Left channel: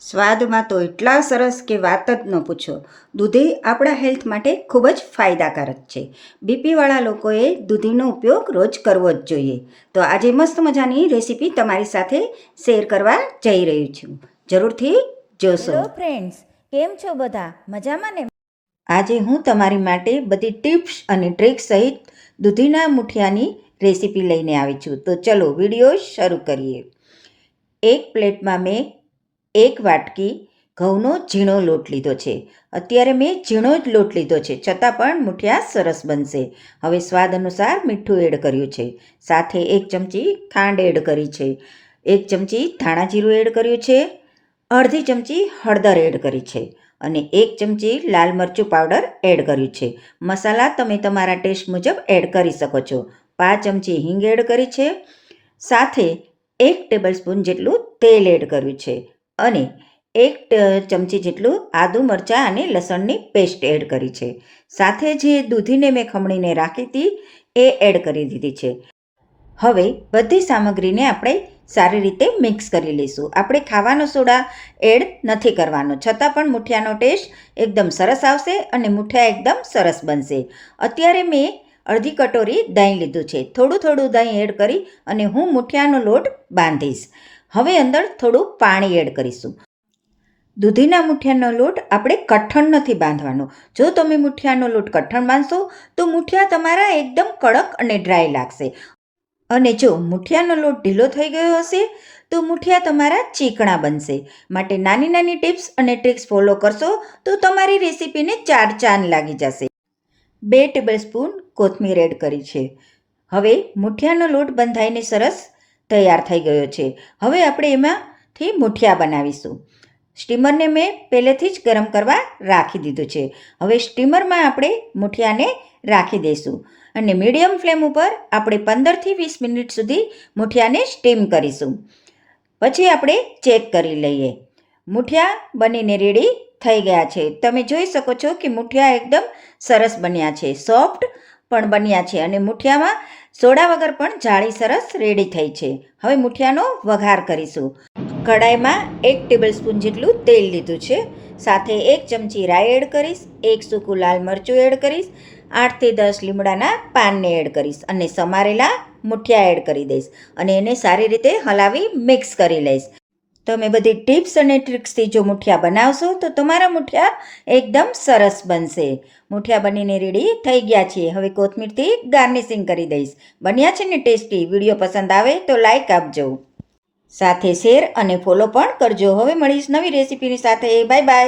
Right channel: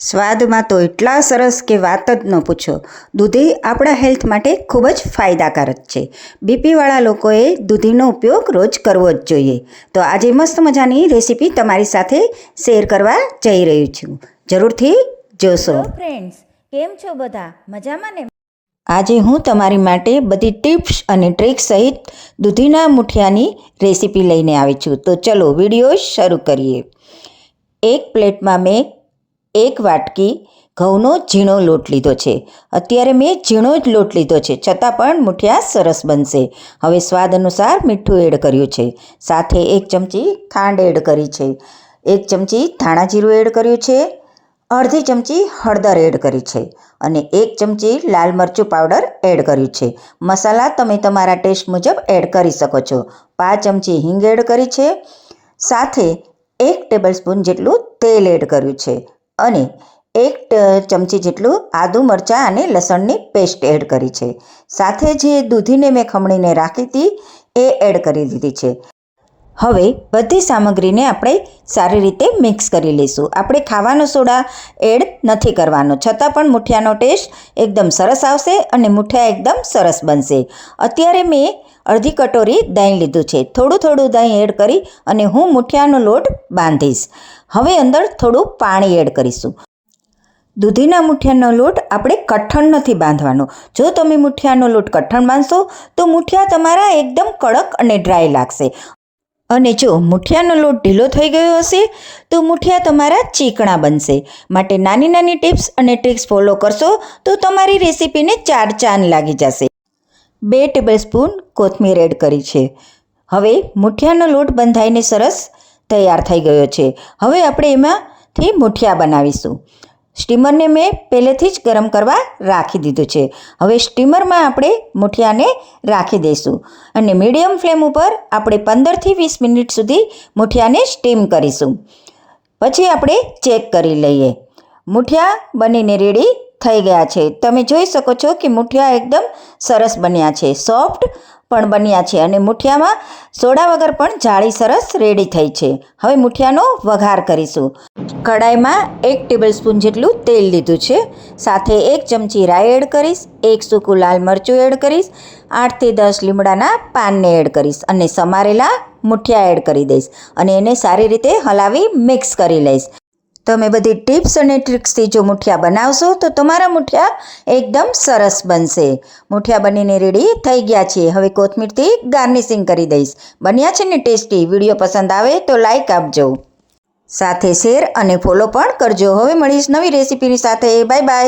સ્વાદમાં તો એટલા સરસ કે વાત જ ન પૂછો. દૂધી આપણા હેલ્થ માટે ખૂબ જ ફાયદાકારક છે. બીપીવાળા લોકોએ દૂધીનો ઉપયોગ રોજ કરવો જ જોઈએ. તો આજે મસ્ત મજાની રેસીપી તમારી સાથે શેર કરવા જઈ રહી છું. જરૂરથી જોશો. હેલો ફ્રેન્ડ્સ, કેમ છો બધા? મજામાં ને? આજે હું તમારી માટે બધી ટિપ્સ અને ટ્રિક્સ સહિત દૂધીના મુઠિયાની રેસીપી લઈને આવી છું. તો ચલો વિડીયો શરૂ કરીએ. એક પ્લેટમાં મેં 1 વાટકી ઘઉંનો ઝીણો લોટ લીધો છે. અત્યારે મેં ઝીણો જ લોટ લીધો છે, છતાં પણ મુઠિયા સરસ બનશે. હવે સ્વાદ અનુસાર મીઠું એડ કર્યું છે. સાથે 1 ચમચી ખાંડ એડ કરી છે. 1 ચમચી ધાણા જીરું એડ કર્યું છે. અડધી ચમચી હળદર એડ કરી છે અને 1 ચમચી લાલ મરચું પાવડર એડ કર્યું છે. મસાલા તમે તમારા ટેસ્ટ મુજબ એડ કરી શકો છો. 5 ચમચી હિંગ એડ કરી છે. સાથે 1 ટેબલસ્પૂન જેટલું તેલ એડ કર્યું છે અને 1 ચમચી જેટલું આદું મરચાં અને લસણની પેસ્ટ એડ કરી છે. સાથે જે દૂધીને મેં ખમણીને રાખી હતી એ એડ કરી દીધી છે. હવે બધી સામગ્રીને આપણે સારી રીતે મિક્સ કરી લઈશું. આપણે ખાવાનો સોડા એડ નથી કરવાનો, છતાં પણ મુઠિયાનો ટેસ્ટ એકદમ સરસ આવશે અને મુઠિયા એકદમ સરસ બનશે. અત્યારે મેં અડધી કટોરી દહીં લીધું છે. થોડું દહીં એડ કરી અને હું મુઠિયાનો લોટ બાંધીશ. હવે અંદર થોડું પાણી એડ કરીશું. દૂધીના મુઠિયાનો લોટ આપણે કઠણ નથી બાંધવાનો. જો તમે મુઠિયાનો લોટ કઠણ બાંધશો તો મુઠિયા તમારા એકદમ કડક અને ડ્રાય લાગશે. અને જો મુઠિયાનો લોટ ઢીલો થઈ ગયો હશે તો મુઠિયા તમારા ચીકણા બનશે. માટે નાની નાની ટિપ્સ અને ટ્રિક્સ ફોલો કરશો તો તમારી રેસીપીને 4 ચાંદ લાગી જશે. 2 ટેબલસ્પૂન કોથમીર એડ કરી છે. હવે મુઠિયાનો લોટ બંધાઈને સરસ તૈયાર થઈ ગયો છે. હવે આપણે એમાંથી મુઠિયા બનાવીશું. સ્ટીમરને મેં પહેલેથી જ ગરમ કરવા રાખી દીધું છે. હવે સ્ટીમરમાં આપણે મુઠિયાને રાખી દઈશું અને મીડિયમ ફ્લેમ ઉપર આપણે 15થી 20 મિનિટ સુધી મુઠિયાને સ્ટીમ કરીશું. પછી આપણે ચેક કરી લઈએ. મુઠિયા બનીને રેડી થઈ ગયા છે. તમે જોઈ શકો છો કે મુઠિયા એકદમ સરસ બન્યા છે, સોફ્ટ પણ બન્યા છે અને મુઠિયામાં સોડા વગર પણ જાળી સરસ રેડી થઈ છે. હવે મુઠિયાનો વઘાર કરીશું. કડાઈમાં 1 ટેબલસ્પૂન જેટલું તેલ લીધું છે. સાથે 1 ચમચી રાઈ એડ કરીશ. 1 સૂકું લાલ મરચું એડ કરીશ. 8થી 10 લીમડાના પાનને એડ કરીશ અને સમારેલા મુઠિયા એડ કરી દઈશ અને એને સારી રીતે હલાવી મિક્સ કરી લઈશ. તમે બધી ટિપ્સ અને ટ્રિક્સથી જો મુઠિયા બનાવશો તો તમારા મુઠિયા એકદમ સરસ બનશે. મુઠિયા બનીને રેડી થઈ ગયા છે. હવે કોથમીરથી ગાર્નિશિંગ કરી દઈશ. બન્યા છે ને ટેસ્ટી? વિડીયો પસંદ આવે તો લાઈક આપજો. સાથે શેર અને ફોલો પણ કરજો. હવે મળીશ નવી રેસીપીની સાથે. Bye bye.